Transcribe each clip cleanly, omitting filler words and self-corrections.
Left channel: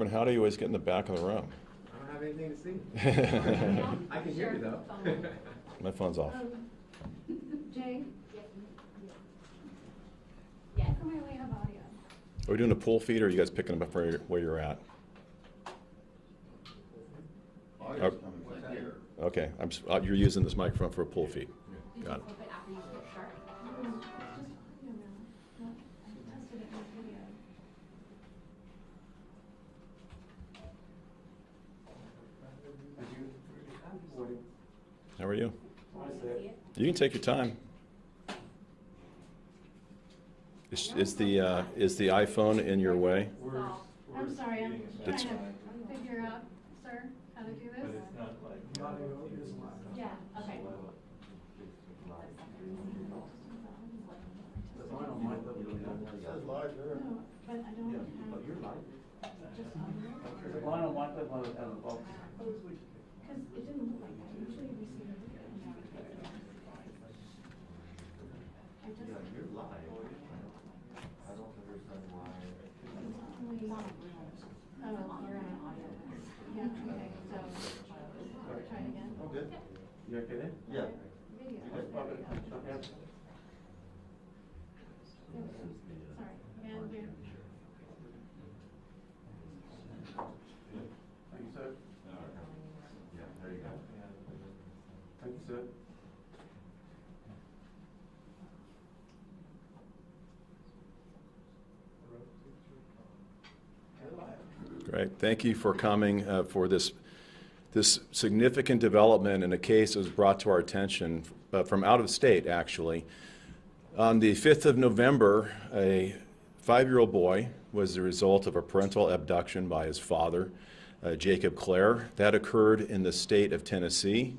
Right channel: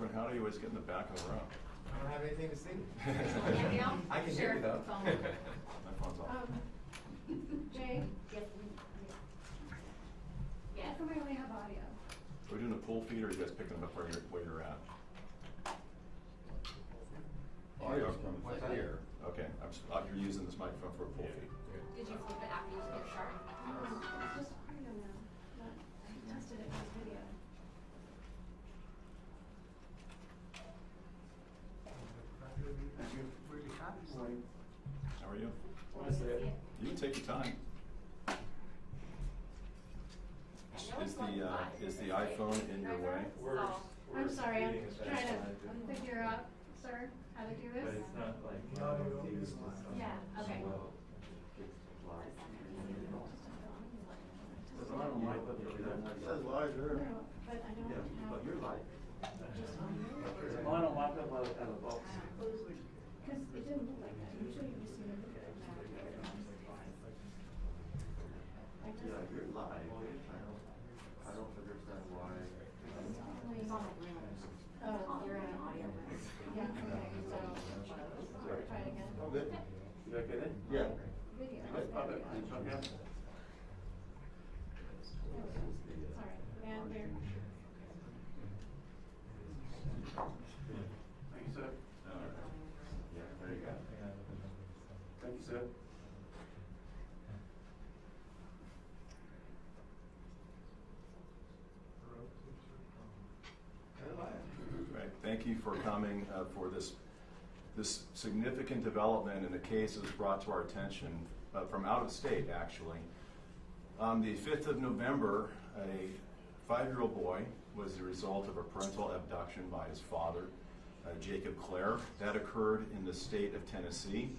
Corbin, how do you always get in the back of the room? I don't have anything to see. I can hear you though. My phone's off. Jay? Yeah. How come we only have audio? Are we doing a pool feed, or are you guys picking them up where you're at? Okay, you're using this microphone for a pool feed. Did Got you it. flip it after you hit sharp? How are you? You can take your time. Is the iPhone in your way? I'm sorry, I'm trying It's- to figure out, sir, how to do this. But it's not like. Yeah, okay. No, but I don't have. But you're live. Is it mine on my phone while it's out of the box? Because it didn't look like that. Usually we see it. Yeah, you're live. I don't understand why. Oh, you're on audio. Yeah, okay, so, try it again. Good. You okay then? Yeah. Video. Okay. Sorry, and here. Thank you, sir. Yeah, there you go. Thank you, sir. Great. Thank you for coming for this significant development in a case that was brought to our attention from out of state, actually. On the 5th of November, a 5-year-old boy was the result of a parental abduction by his father, Jacob Clare. That occurred in the state of Tennessee.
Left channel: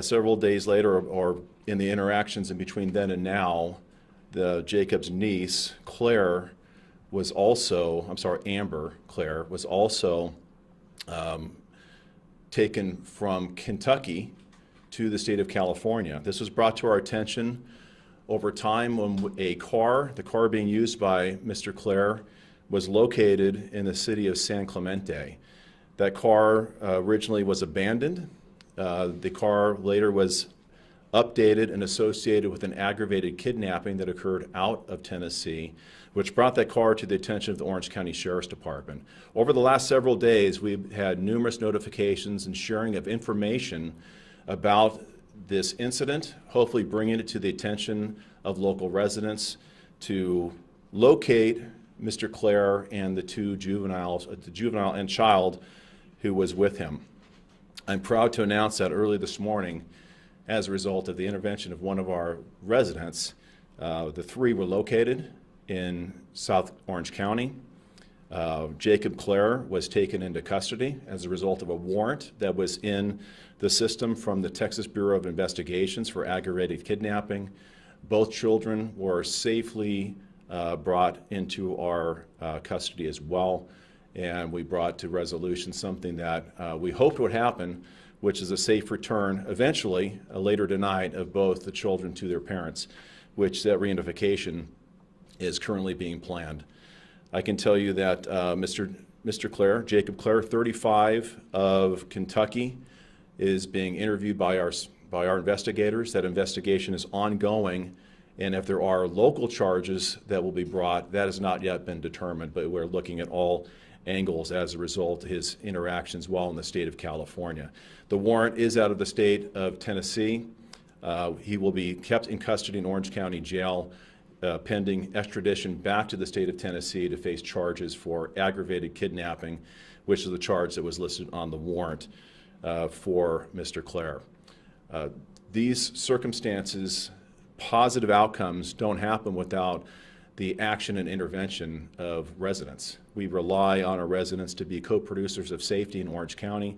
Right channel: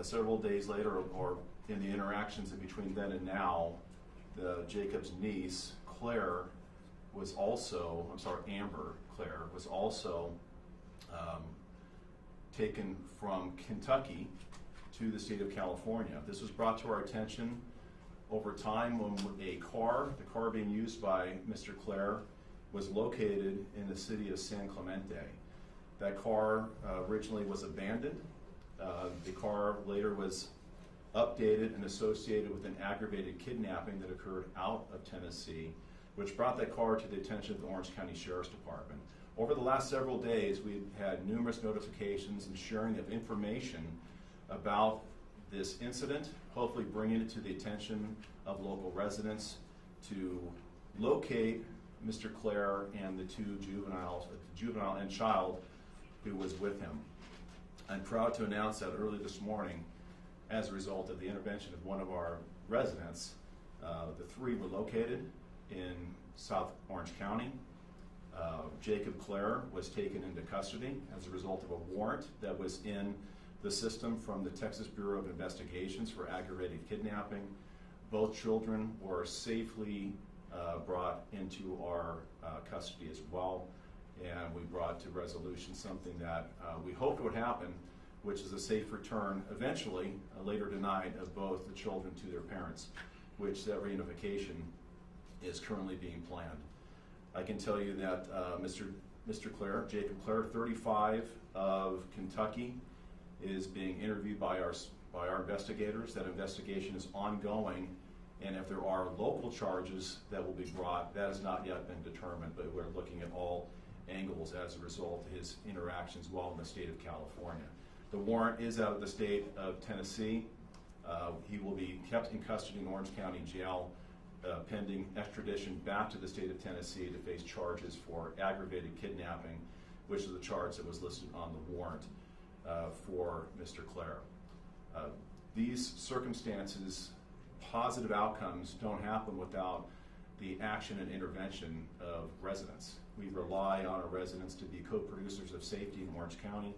Several days later, or in the interactions in between then and now, Jacob's niece, Clare, was also, Amber Clare, was also taken from Kentucky to the state of California. This was brought to our attention over time when the car being used by Mr. Clare, was located in the city of San Clemente. That car originally was abandoned. The car later was updated and associated with an aggravated kidnapping that occurred out of Tennessee, which brought that car to the attention of the Orange County Sheriff's Department. Over the last several days, we've had numerous notifications and sharing of information about this incident, hopefully bringing it to the attention of local residents to locate Mr. Clare and the two juveniles, the juvenile and child who was with him. I'm proud to announce that early this morning, as a result of the intervention of one of our residents, the three were located in South Orange County. Jacob Clare was taken into custody as a result of a warrant that was in the system from the Texas Bureau of Investigations for aggravated kidnapping. Both children were safely brought into our custody as well, and we brought to resolution something that we hoped would happen, which is a safe return, eventually, later tonight, of both the children to their parents, which that reunification is currently being planned. I can tell you that Mr. Clare, Jacob Clare, 35 of Kentucky, is being interviewed by our investigators. That investigation is ongoing, and if there are local charges that will be brought, that has not yet been determined, but we're looking at all angles as a result of his interactions while in the state of California. The warrant is out of the state of Tennessee. He will be kept in custody in Orange County Jail pending extradition back to the state of Tennessee to face charges for aggravated kidnapping, which is the charge that was listed on the warrant for Mr. Clare. These circumstances, positive outcomes, don't happen without the action and intervention of residents. We rely on our residents to be co-producers of safety in Orange County.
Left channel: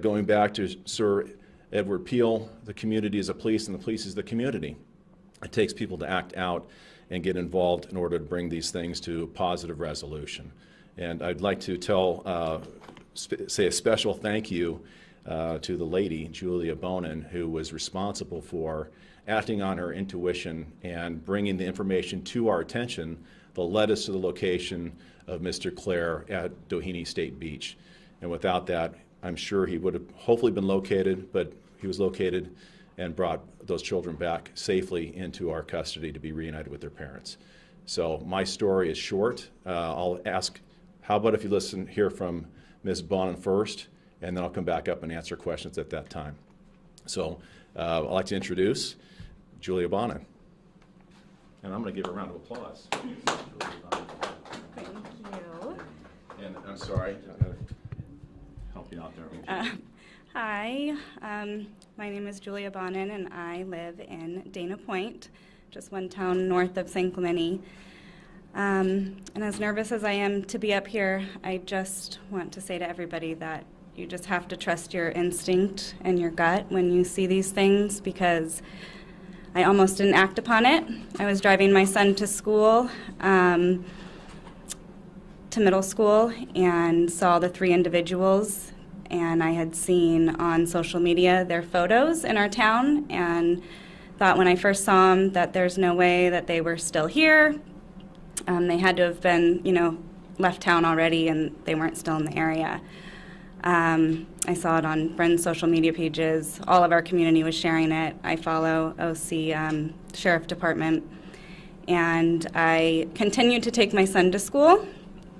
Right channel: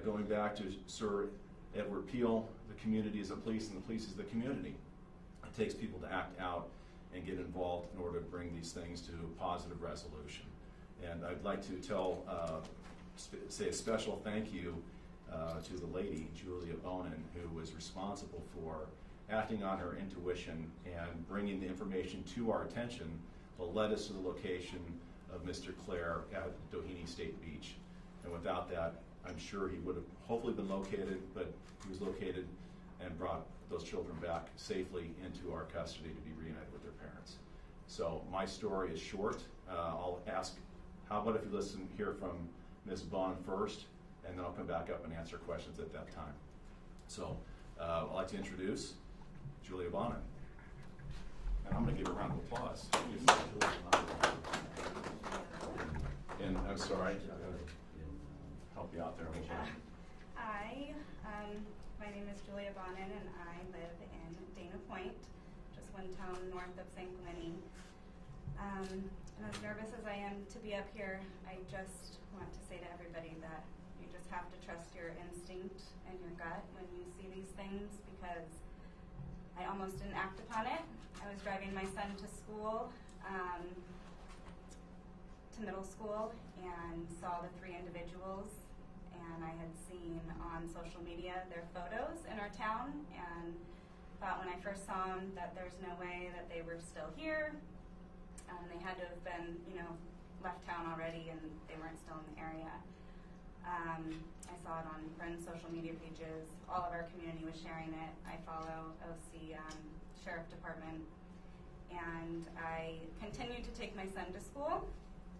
Going back to Sir Edward Peel, the community is a police and the police is the community. It takes people to act out and get involved in order to bring these things to positive resolution. And I'd like to say a special thank you to the lady, Julia Bonin, who was responsible for acting on her intuition and bringing the information to our attention that led us to the location of Mr. Clare at Doheny State Beach. And without that, I'm sure he would have hopefully been located, but he was located and brought those children back safely into our custody to be reunited with their parents. So my story is short. I'll ask, how about if you hear from Ms. Bonin first, and then I'll come back up and answer questions at that time. So I'd like to introduce Julia Bonin. And I'm going to give her a round of applause. And I'm sorry, I'm going to help you out there. Hi, my name is Julia Bonin, and I live in Dana Point, just one town north of St. Clemente. And as nervous as I am to be up here, I just want to say to everybody that you just have to trust your instinct and your gut when you see these things, because I almost didn't act upon it. I was driving my son to school, to middle school, and saw the 3 individuals, and I had seen on social media their photos in our town, and thought when I first saw them that there's no way that they were still here. They had to have been, left town already, and they weren't still in the area. I saw it on friends' social media pages. All of our community was sharing it. I follow OC Sheriff Department. And I continued to take my son to school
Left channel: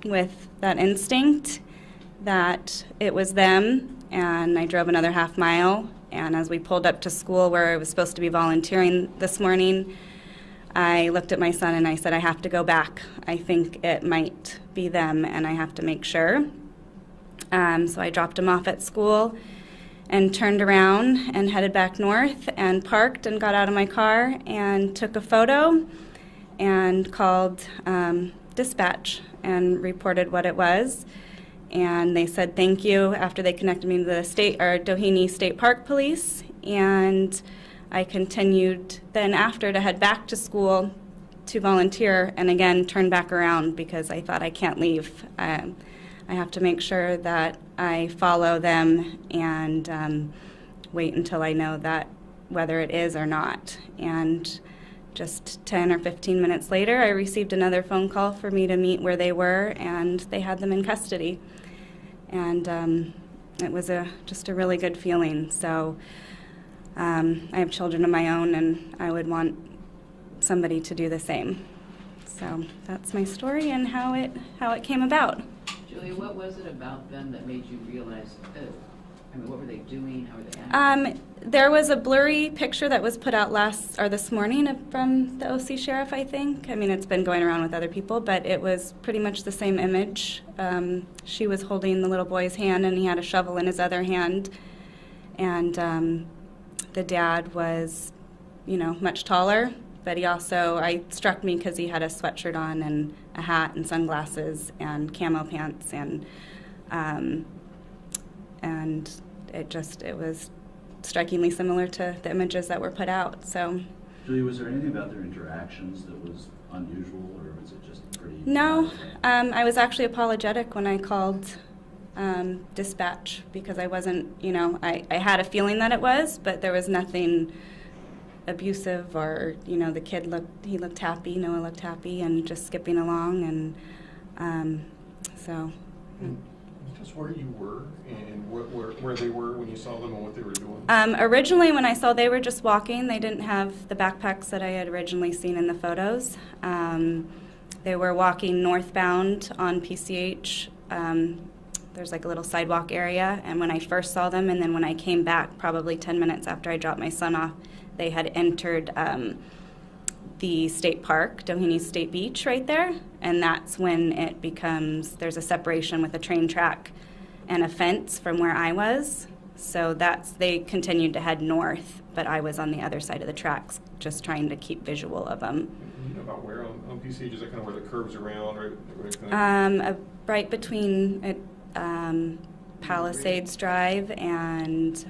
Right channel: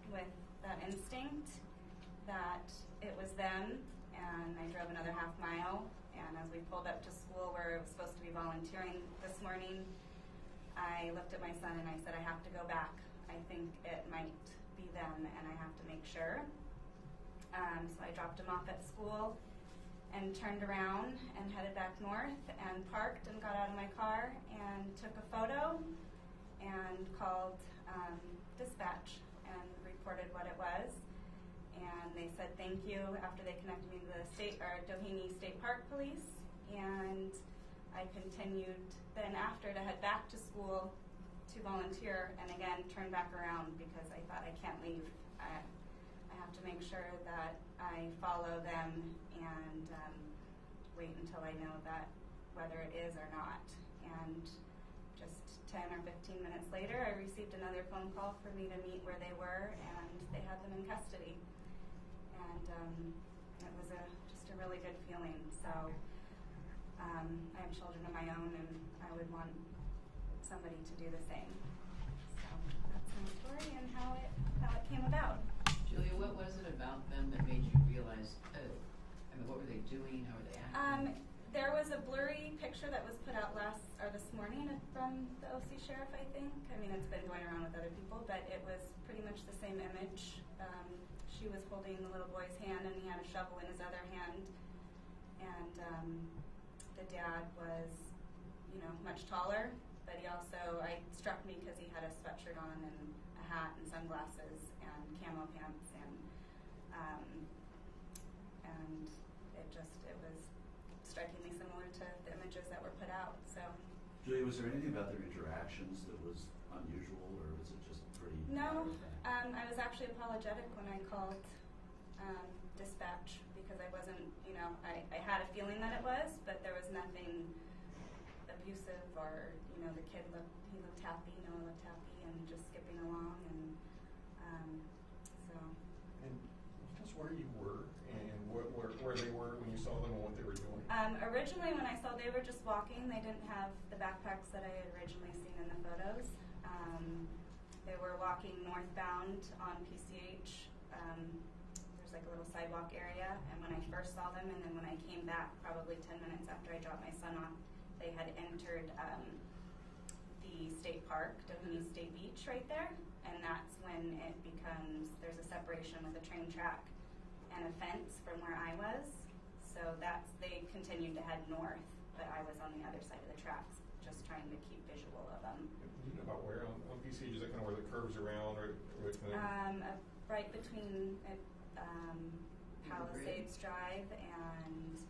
with that instinct that it was them. And I drove another half mile. And as we pulled up to school where I was supposed to be volunteering this morning, I looked at my son and I said, I have to go back. I think it might be them, and I have to make sure. So I dropped him off at school and turned around and headed back north and parked and got out of my car and took a photo and called dispatch and reported what it was. And they said thank you after they connected me to the Doheny State Park Police. And I continued then after to head back to school to volunteer, and again turn back around because I thought I can't leave. I have to make sure that I follow them and wait until I know that whether it is or not. And just 10 or 15 minutes later, I received another phone call for me to meet where they were, and they had them in custody. And it was just a really good feeling. So I have children of my own, and I would want somebody to do the same. So that's my story and how it came about. Julia, what was it about them that made you realize, what were they doing? How were they acting? There was a blurry picture that was put out this morning from the OC sheriff, I think. It's been going around with other people, but it was pretty much the same image. She was holding the little boy's hand, and he had a shovel in his other hand. And the dad was, much taller, but he also, struck me because he had a sweatshirt on and a hat and sunglasses and camo pants, and it was strikingly similar to the images that were put out. So, Julia, was there anything about their interactions that was unusual, or was it just pretty? No, I was actually apologetic when I called dispatch because I wasn't, I had a feeling that it was, but there was nothing abusive or, the kid looked happy, Noah looked happy and just skipping along, and so. Just where you were and where they were when you saw them and what they were doing? Originally when I saw they were just walking, they didn't have the backpacks that I had originally seen in the photos. They were walking northbound on PCH. There's like a little sidewalk area, and when I first saw them, and then when I came back probably 10 minutes after I dropped my son off, they had entered the state park, Doheny State Beach right there, and that's when it becomes, there's a separation with a train track and a fence from where I was. So they continued to head north, but I was on the other side of the tracks just trying to keep visual of them. You know about where on PCH, is that kind of where the curves around, Right between Palisades Drive and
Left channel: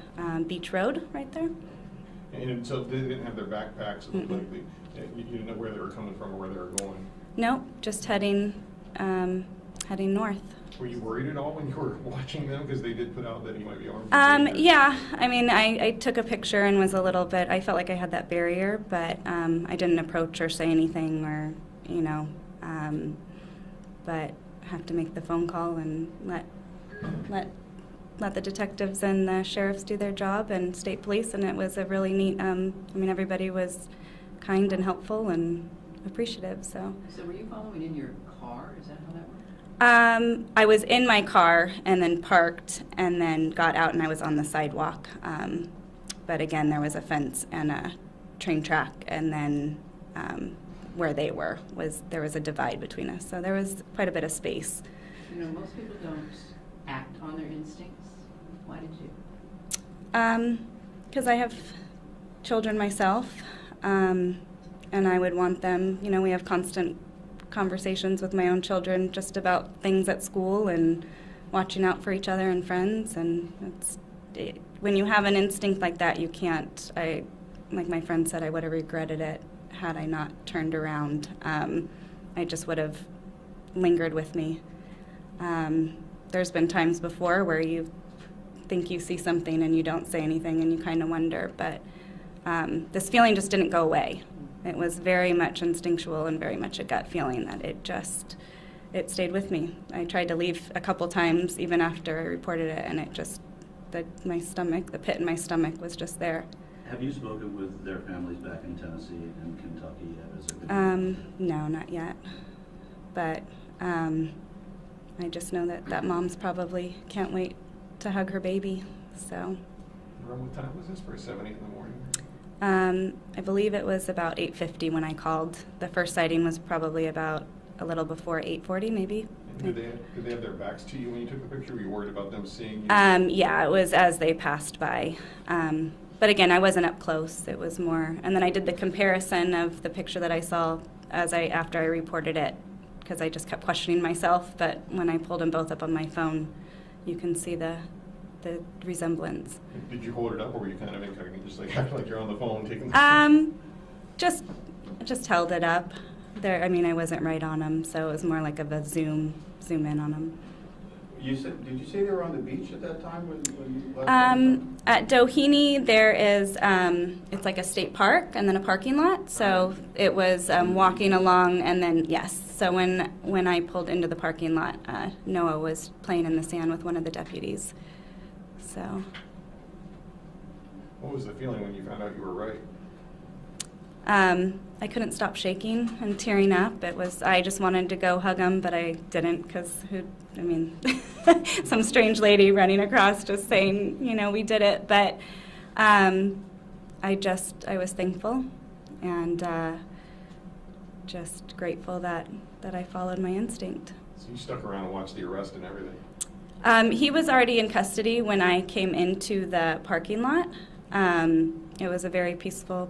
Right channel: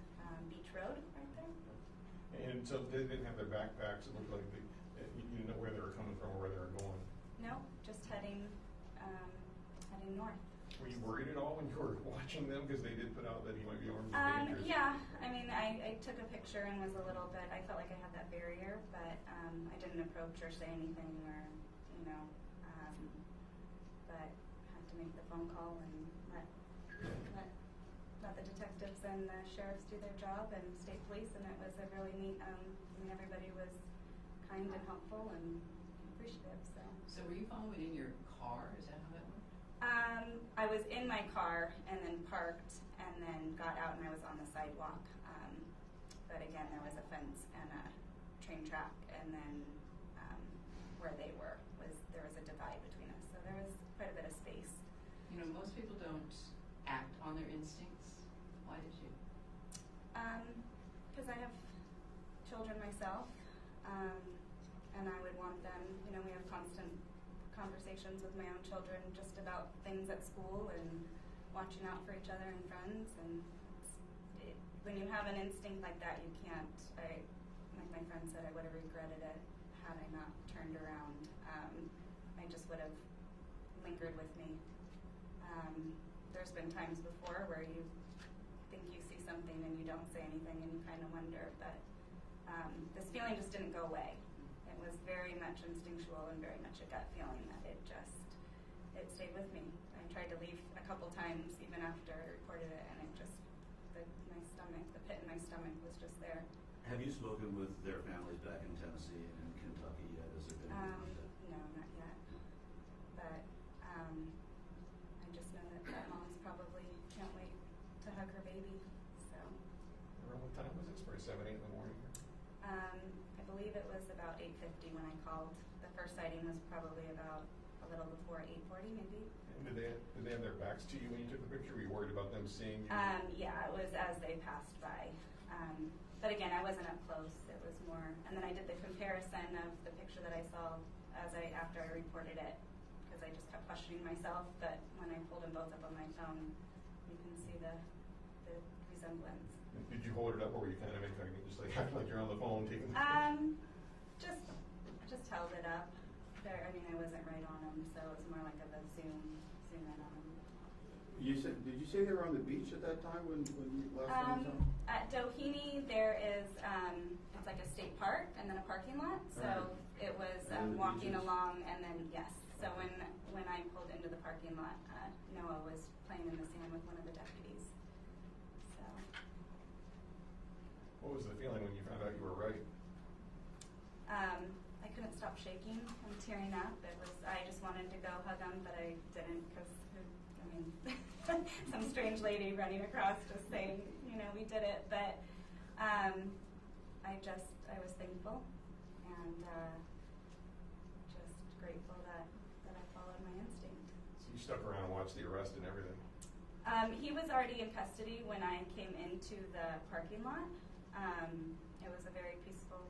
Beach Road right there. And so they didn't have their backpacks, it looked like you didn't know where they were coming from or where they were going? Nope, just heading north. Were you worried at all when you were watching them? Because they did put out that he might be armed. Yeah, I took a picture and was a little bit, I felt like I had that barrier, but I didn't approach or say anything or, but have to make the phone call and let the detectives and the sheriffs do their job, and state police, and it was a really neat, everybody was kind and helpful and appreciative, so. So were you following in your car? Is that how that worked? I was in my car and then parked and then got out and I was on the sidewalk. But again, there was a fence and a train track, and then where they were there was a divide between us. So there was quite a bit of space. You know, most people don't act on their instincts. Why did you? Because I have children myself, and I would want them, we have constant conversations with my own children just about things at school and watching out for each other and friends, and when you have an instinct like that, you can't. Like my friend said, I would have regretted it had I not turned around. I just would have lingered with me. There's been times before where you think you see something and you don't say anything and you kind of wonder, but this feeling just didn't go away. It was very much instinctual and very much a gut feeling that it stayed with me. I tried to leave a couple times even after I reported it, and my stomach, the pit in my stomach was just there. Have you spoken with their families back in Tennessee and Kentucky yet? No, not yet. But I just know that mom's probably can't wait to hug her baby, so. Around what time was this? For 7, 8 in the morning? I believe it was about 8:50 when I called. The first sighting was probably about a little before 8:40, maybe. Did they have their backs to you when you took the picture? Were you worried about them seeing you? Yeah, it was as they passed by. But again, I wasn't up close. It was more, and then I did the comparison of the picture that I saw after I reported it, because I just kept questioning myself. But when I pulled them both up on my phone, you can see the resemblance. Did you hold it up, or were you kind of incognito, just like acting like you're on the phone taking the Just held it up. I wasn't right on them, so it was more like a zoom in on them. Did you say they were on the beach at that time when you last time? At Doheny, there is, it's like a state park and then a parking lot. So it was walking along, and then, yes. So when I pulled into the parking lot, Noah was playing in the sand with one of the deputies. So. What was the feeling when you found out you were right? I couldn't stop shaking and tearing up. I just wanted to go hug him, but I didn't, because some strange lady running across just saying, we did it. But I was thankful and just grateful that I followed my instinct. So you stuck around and watched the arrest and everything? He was already in custody when I came into the parking lot. It was a very peaceful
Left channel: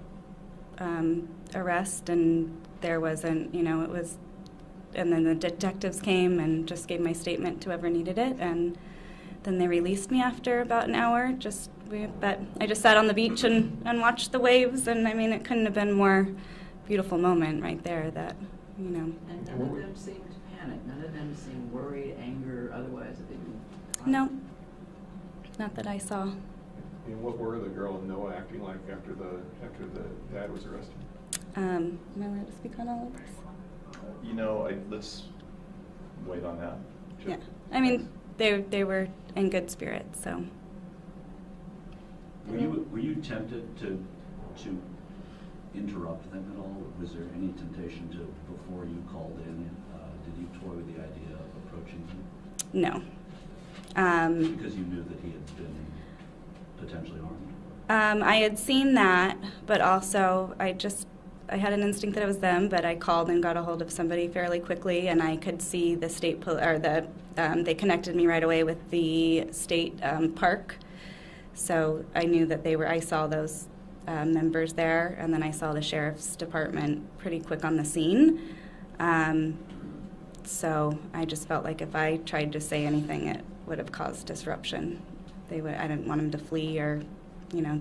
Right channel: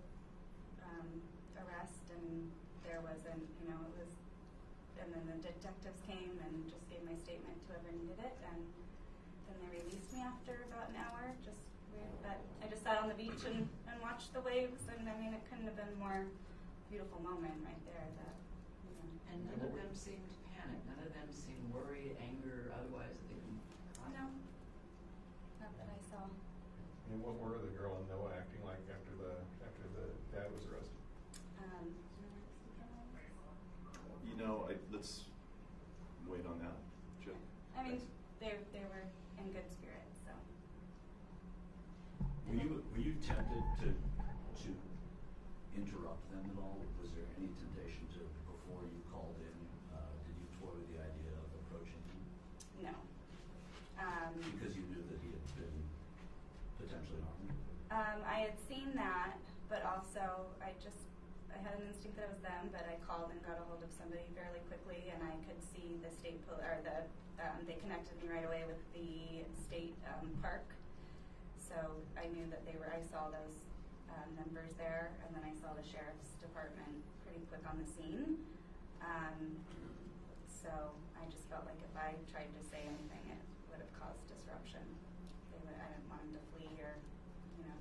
arrest, and there wasn't, and then the detectives came and just gave my statement to whoever needed it, and then they released me after about an hour. But I just sat on the beach and watched the waves, and it couldn't have been a more beautiful moment right there that, And none of them seemed panicked. None of them seemed worried, anger, otherwise. No, not that I saw. And what were the girl and Noah acting like after the dad was arrested? Am I allowed to speak on all of this? Let's wait on that. Sure. Yeah. They were in good spirits, so. Were you tempted to interrupt them at all? Was there any temptation before you called in, did you toy with the idea of approaching him? No. Because you knew that he had been potentially harmed? I had seen that, but also I had an instinct that it was them, but I called and got a hold of somebody fairly quickly, and I could see the they connected me right away with the state park. So I knew that I saw those members there, and then I saw the sheriff's department pretty quick on the scene. So I just felt like if I tried to say anything, it would have caused disruption. I didn't want them to flee or,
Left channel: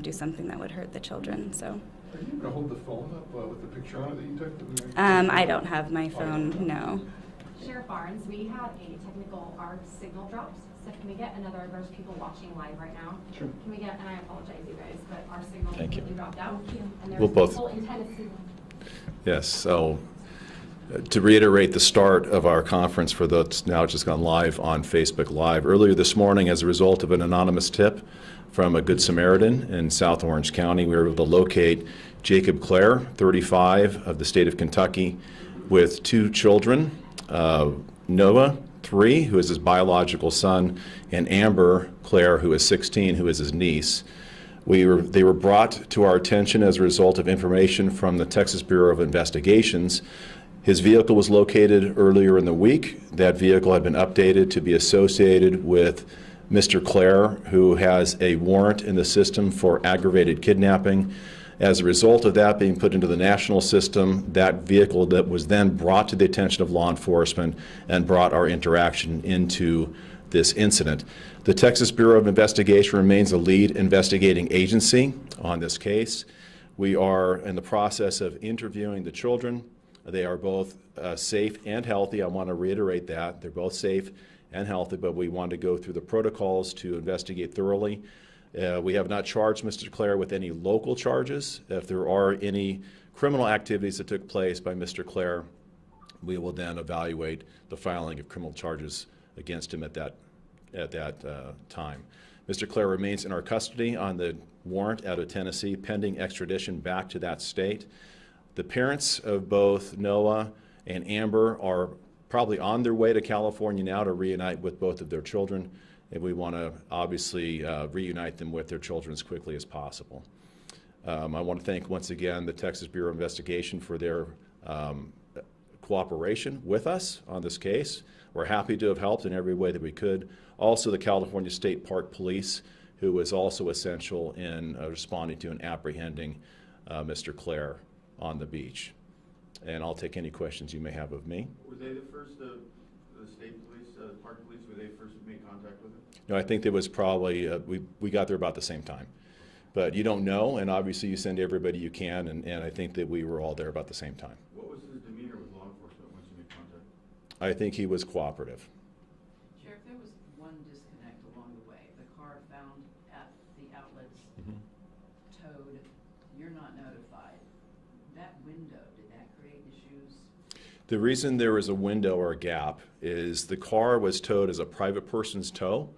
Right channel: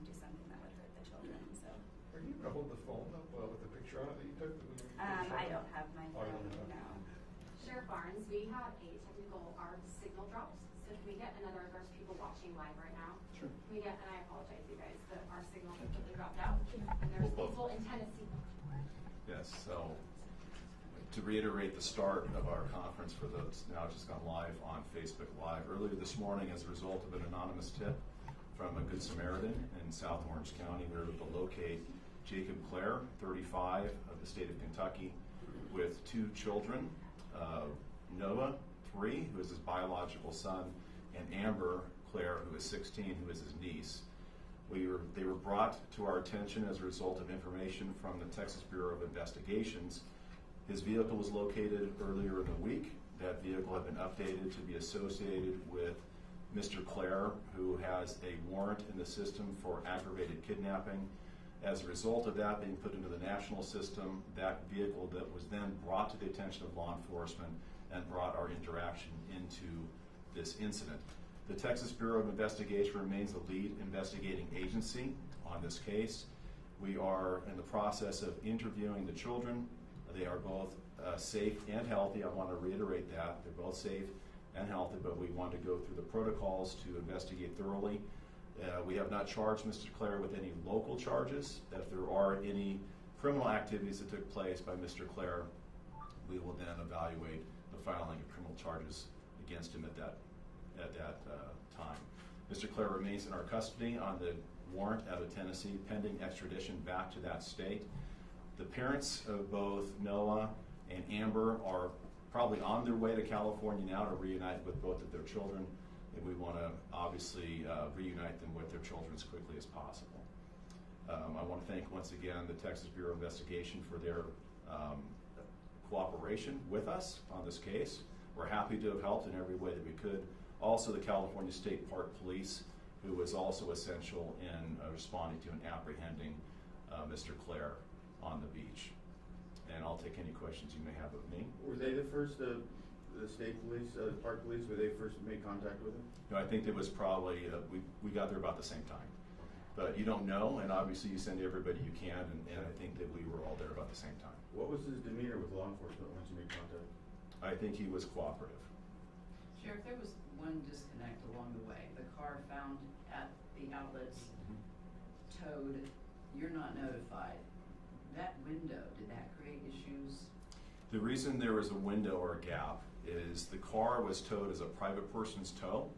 do something that would hurt the children. So. Are you able to hold the phone up with the picture on it that you took? I don't have my phone. No. Sheriff Barnes, we had our signal drops. So can we get there's people watching live right now. Sure. Can we get, and I apologize you guys, but our signal Thank you. completely dropped out. And there's We'll both. people in Tennessee. Yes, so To reiterate the start of our conference for those now just gone live on Facebook Live, earlier this morning, as a result of an anonymous tip from a Good Samaritan in South Orange County, we were able to locate Jacob Clare, 35, of the state of Kentucky, with 2 children, Noah, 3, who is his biological son, and Amber Clare, who is 16, who is his niece. They were brought to our attention as a result of information from the Texas Bureau of Investigations. His vehicle was located earlier in the week. That vehicle had been updated to be associated with Mr. Clare, who has a warrant in the system for aggravated kidnapping. As a result of that being put into the national system, that vehicle that was then brought to the attention of law enforcement and brought our interaction into this incident. The Texas Bureau of Investigation remains a lead investigating agency on this case. We are in the process of interviewing the children. They are both safe and healthy. I want to reiterate that. They're both safe and healthy, but we want to go through the protocols to investigate thoroughly. We have not charged Mr. Clare with any local charges. If there are any criminal activities that took place by Mr. Clare, we will then evaluate the filing of criminal charges against him at that time. Mr. Clare remains in our custody on the warrant out of Tennessee, pending extradition back to that state. The parents of both Noah and Amber are probably on their way to California now to reunite with both of their children, and we want to obviously reunite them with their children as quickly as possible. I want to thank once again the Texas Bureau of Investigation for their cooperation with us on this case. We're happy to have helped in every way that we could. Also, the California State Park Police, who was also essential in responding to and apprehending Mr. Clare on the beach. And I'll take any questions you may have of me. Were they the first, the state police, park police, were they first to make contact with him? No, I think there was probably, we got there about the same time. But you don't know, and obviously you send everybody you can, and I think that we were all there about the same time. What was his demeanor with law enforcement once you made contact? I think he was cooperative. Sheriff, there was one disconnect along the way. The car found at the outlets, towed, you're not notified. That window, did that create issues? The reason there was a window or a gap is the car was towed as a private person's tow.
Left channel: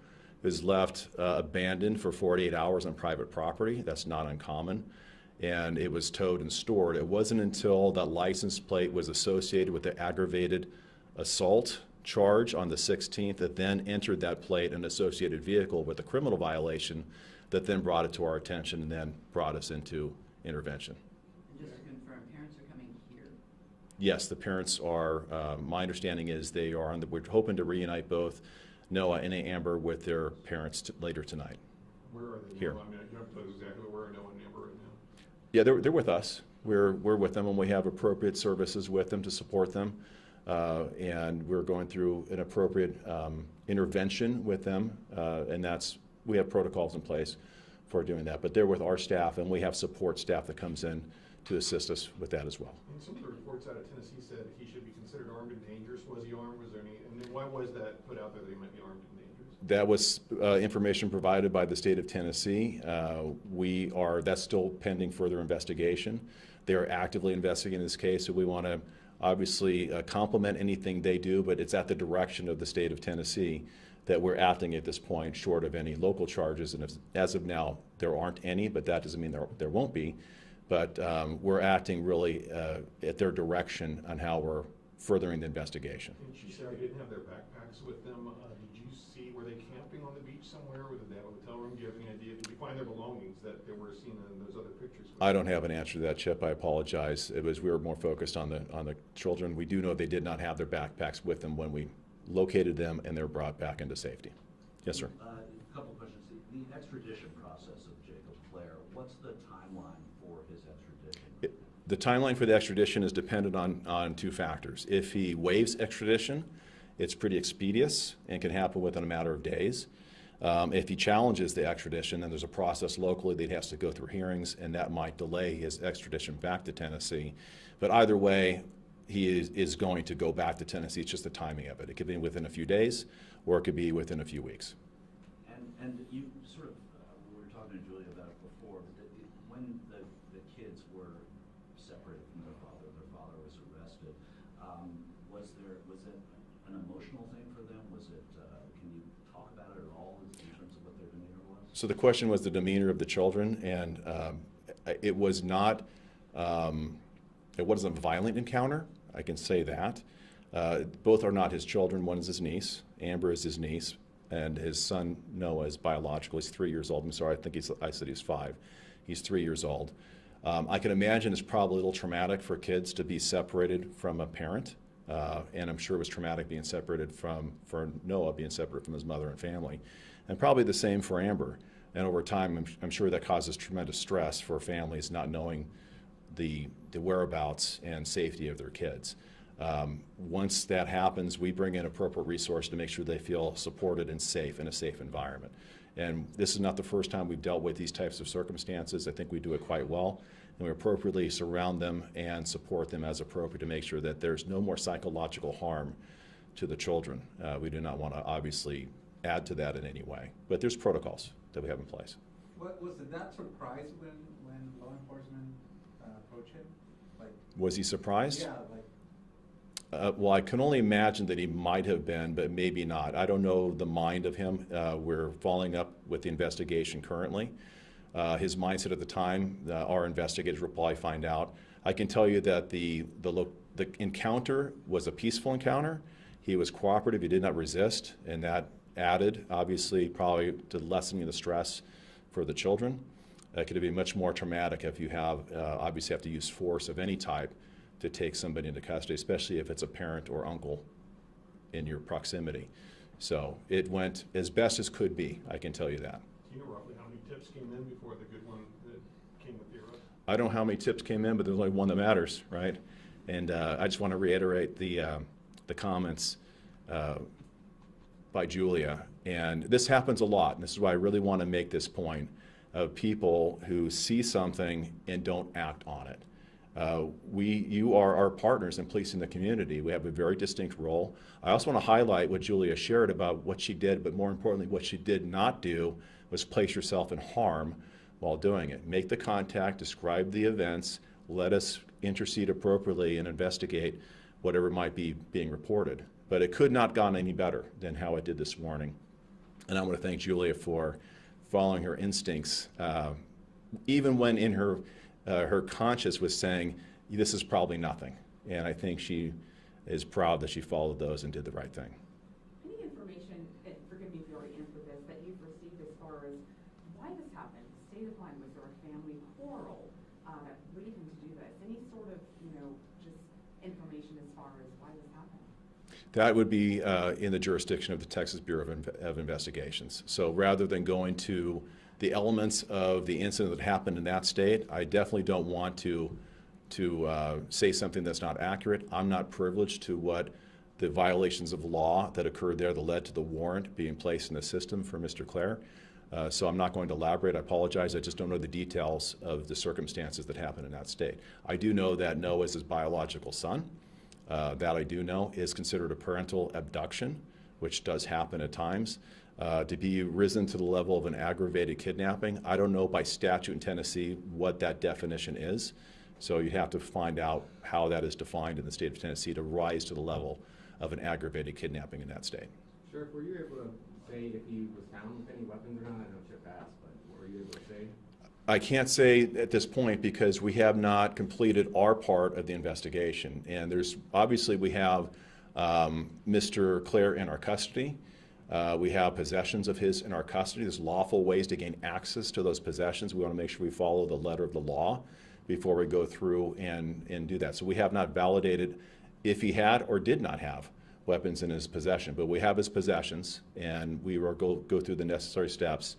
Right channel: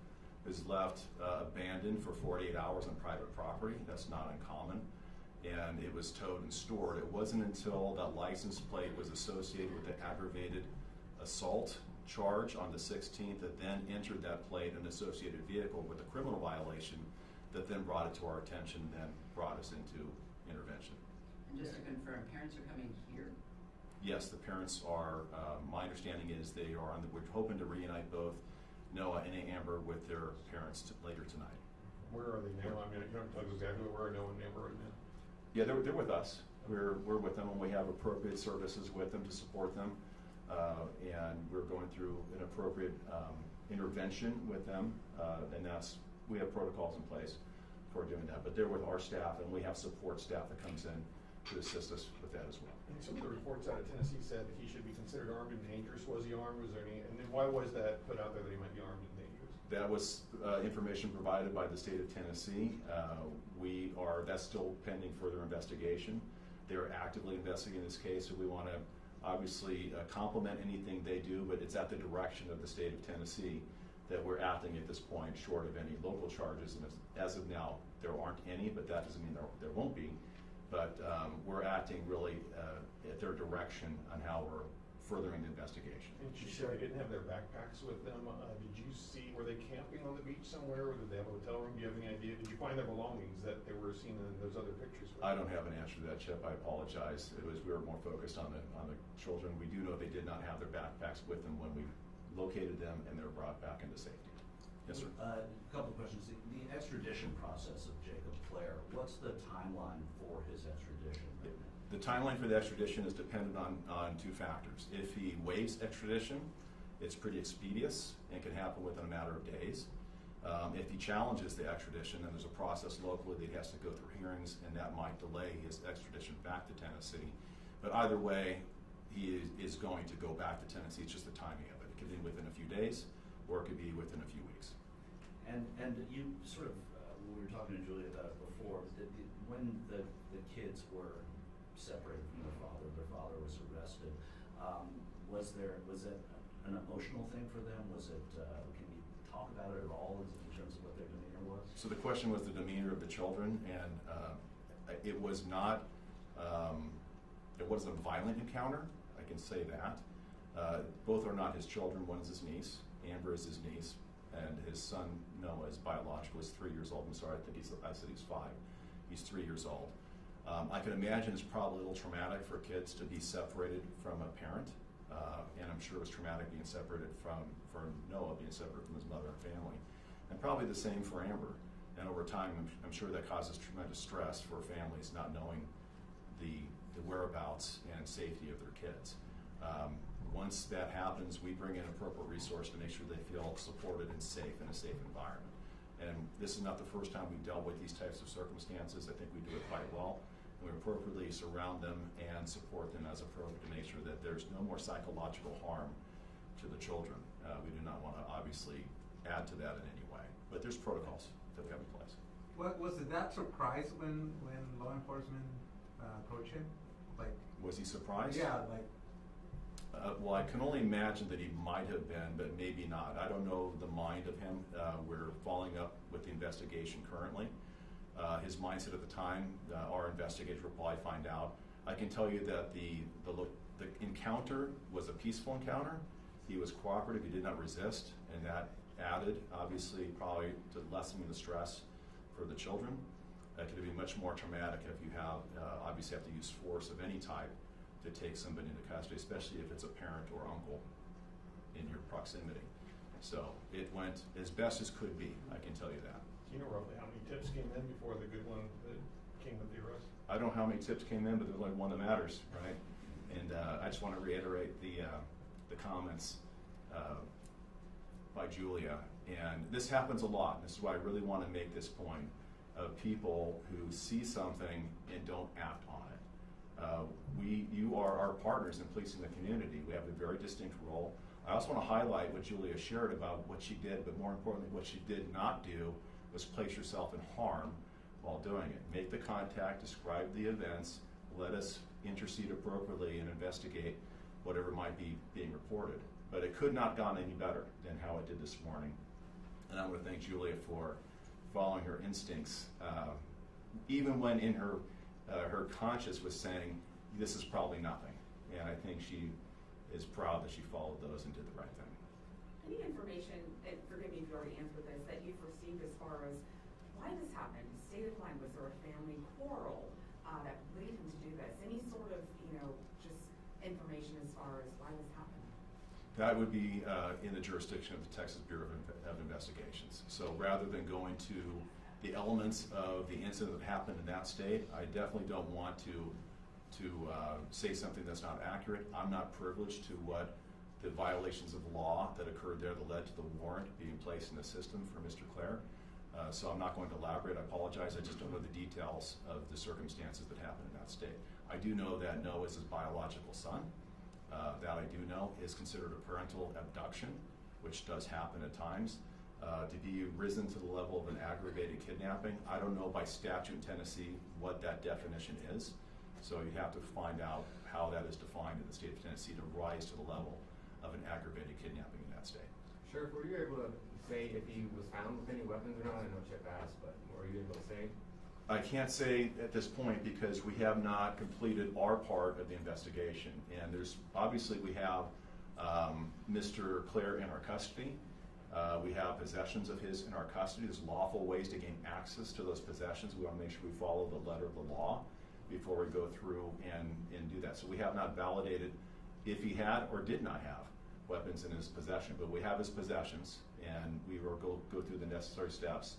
It was left abandoned for 48 hours on private property. That's not uncommon. And it was towed and stored. It wasn't until that license plate was associated with the aggravated assault charge on the 16th that then entered that plate and associated vehicle with a criminal violation that then brought it to our attention and then brought us into intervention. And just to confirm, parents are coming here? Yes, the parents are, my understanding is they are on we're hoping to reunite both Noah and Amber with their parents later tonight. Where are they now? Here. I mean, you don't know exactly where Noah and Amber right now. Yeah, they're with us. We're with them, and we have appropriate services with them to support them. And we're going through an appropriate intervention with them, and we have protocols in place for doing that. But they're with our staff, and we have support staff that comes in to assist us with that as well. And some of the reports out of Tennessee said that he should be considered armed and dangerous. Was he armed? Was there any? And then why was that put out there that he might be armed and dangerous? That was information provided by the state of Tennessee. That's still pending further investigation. They are actively investigating this case, so we want to obviously complement anything they do, but it's at the direction of the state of Tennessee that we're acting at this point, short of any local charges. And as of now, there aren't any, but that doesn't mean there won't be. But we're acting really at their direction on how we're furthering the investigation. And you said they didn't have their backpacks with them. Did you see, were they camping on the beach somewhere, or did they have a hotel room? Do you have any idea? Did you find their belongings that they were seen in those other pictures? I don't have an answer to that, Chip. I apologize. We were more focused on the children. We do know they did not have their backpacks with them when we located them, and they're brought back into safety. Yes, sir. A couple of questions. The extradition process of Jacob Clare, what's the timeline for his extradition? The timeline for the extradition is dependent on 2 factors. If he waives extradition, it's pretty expeditious and can happen within a matter of days. If he challenges the extradition, then there's a process locally that he has to go through hearings, and that might delay his extradition back to Tennessee. But either way, he is going to go back to Tennessee. It's just the timing of it. It could be within a few days, or it could be within a few weeks. And you sort of, we were talking to Julia about it before, when the kids were separated from their father was arrested, was it an emotional thing for them? Was it, can you talk about it at all in terms of what their demeanor was? So the question was the demeanor of the children, and it was not, it wasn't a violent encounter, I can say that. Both are not his children. One is his niece, Amber is his niece, and his son Noah is biological. He's 3 years old. I'm sorry, I said he's 5. He's 3 years old. I can imagine it's probably a little traumatic for kids to be separated from a parent, and I'm sure it was traumatic being separated for Noah being separated from his mother and family, and probably the same for Amber. And over time, I'm sure that causes tremendous stress for families not knowing the whereabouts and safety of their kids. Once that happens, we bring in appropriate resources to make sure they feel supported and safe in a safe environment. And this is not the first time we've dealt with these types of circumstances. I think we do it quite well, and we appropriately surround them and support them as appropriate to make sure that there's no more psychological harm to the children. We do not want to obviously add to that in any way, but there's protocols that we have in place. Was it that surprised when law enforcement approached him? Like, Was he surprised? yeah, like, Well, I can only imagine that he might have been, but maybe not. I don't know the mind of him. We're following up with the investigation currently. His mindset at the time, our investigators will probably find out. I can tell you that the encounter was a peaceful encounter. He was cooperative. He did not resist, and that added, obviously, probably to lessening the stress for the children. It could be much more traumatic if you have, obviously, have to use force of any type to take somebody into custody, especially if it's a parent or uncle in your proximity. So it went as best as could be, I can tell you that. Do you know roughly how many tips came in before the good one that came with the arrest? I don't know how many tips came in, but there's only one that matters, right? And I just want to reiterate the comments by Julia. And this happens a lot, and this is why I really want to make this point of people who see something and don't act on it. You are our partners in policing the community. We have a very distinct role. I also want to highlight what Julia shared about what she did, but more importantly, what she did not do was place herself in harm while doing it. Make the contact, describe the events, let us intercede appropriately and investigate whatever might be being reported. But it could not have gone any better than how it did this morning. And I want to thank Julia for following her instincts, even when in her conscience was saying, this is probably nothing. And I think she is proud that she followed those and did the right thing. Any information, and forgive me if you already answered this, that you've received as far as why this happened? State of mind, was there a family quarrel that lead him to do this? Any sort of, just information as far as why this happened? That would be in the jurisdiction of the Texas Bureau of Investigations. So rather than going to the elements of the incident that happened in that state, I definitely don't want to say something that's not accurate. I'm not privileged to what the violations of law that occurred there that led to the warrant being placed in the system for Mr. Clare. So I'm not going to elaborate. I apologize. I just don't know the details of the circumstances that happened in that state. I do know that Noah is his biological son. That I do know is considered a parental abduction, which does happen at times. To be risen to the level of an aggravated kidnapping, I don't know by statute in Tennessee what that definition is. So you have to find out how that is defined in the state of Tennessee to rise to the level of an aggravated kidnapping in that state. Sheriff, were you able to say if he was found with any weapons or not? I know Chip asked, but were you able to say? I can't say at this point because we have not completed our part of the investigation. And there's, obviously we have Mr. Clare in our custody. We have possessions of his in our custody. There's lawful ways to gain access to those possessions. We want to make sure we follow the letter of the law before we go through and do that. So we have not validated if he had or did not have weapons in his possession, but we have his possessions, and we will go through the necessary steps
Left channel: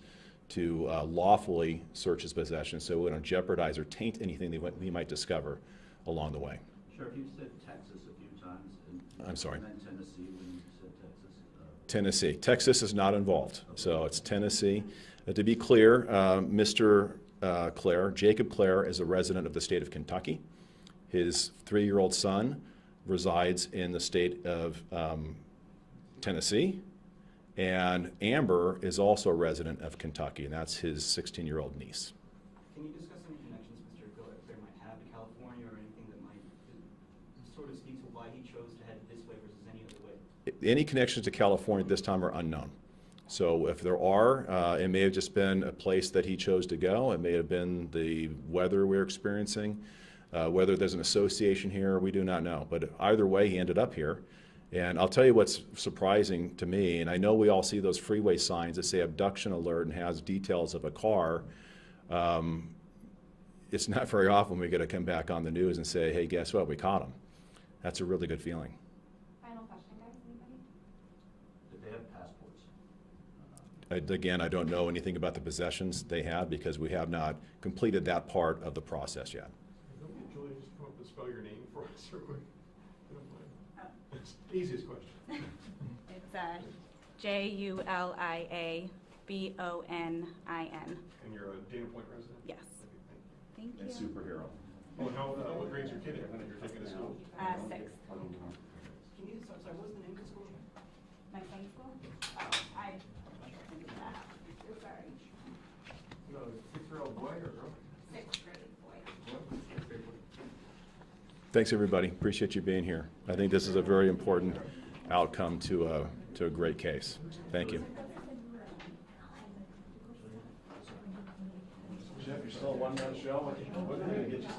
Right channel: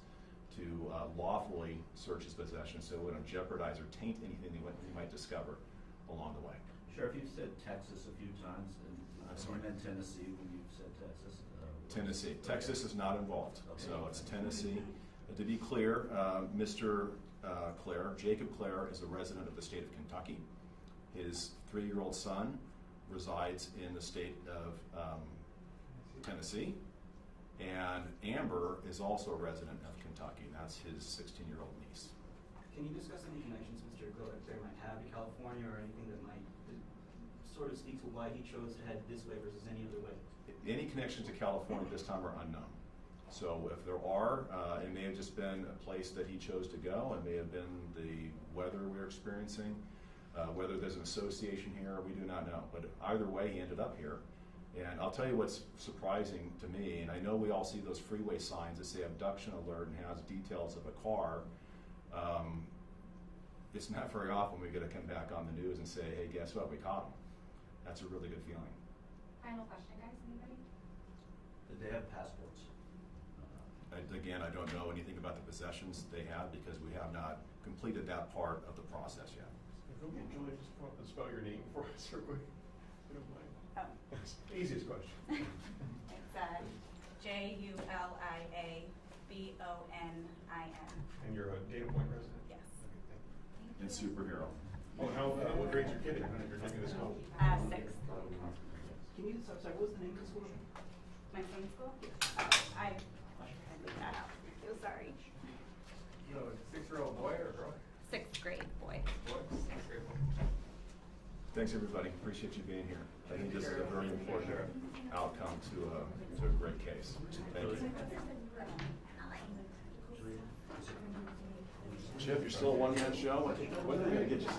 to lawfully search his possessions so we don't jeopardize or taint anything that he might discover along the way. Sheriff, you've said Texas a few times. I'm sorry. And Tennessee when you said Texas. Tennessee. Texas is not involved, so it's Tennessee. To be clear, Mr. Clare, Jacob Clare, is a resident of the state of Kentucky. His 3-year-old son resides in the state of Tennessee, and Amber is also a resident of Kentucky, and that's his 16-year-old niece. Can you discuss any connections Mr. Clare might have to California or anything that might sort of speak to why he chose to head this way versus any other way? Any connections to California at this time are unknown. So if there are, it may have just been a place that he chose to go. It may have been the weather we're experiencing. Whether there's an association here, we do not know. But either way, he ended up here. And I'll tell you what's surprising to me, and I know we all see those freeway signs that say abduction alert and has details of a car. It's not very often we get to come back on the news and say, hey, guess what, we caught him. That's a really good feeling. Final question, guys, anybody? Did they have passports? Again, I don't know anything about the possessions they had because we have not completed that part of the process yet. Who can Julia just come up and spell your name for us real quick? If you don't mind. Oh. That's the easiest question. It's Juliabonnin. And you're a Dana Point resident? Yes. Okay, thank you. Thank you. And superhero. Oh, what grade's your kid in? You're taking to school? Sixth. Can you, sorry, what was the name of the school? My son's school? Oh, I did that out. So sorry. So, 6-year-old boy or girl? Sixth grade boy. Boy? 6th grade boy. Thanks, everybody. Appreciate you being here. I think this is a very important outcome to a great case. Thank you. Chip, you're still a one-man show? When are we going to get you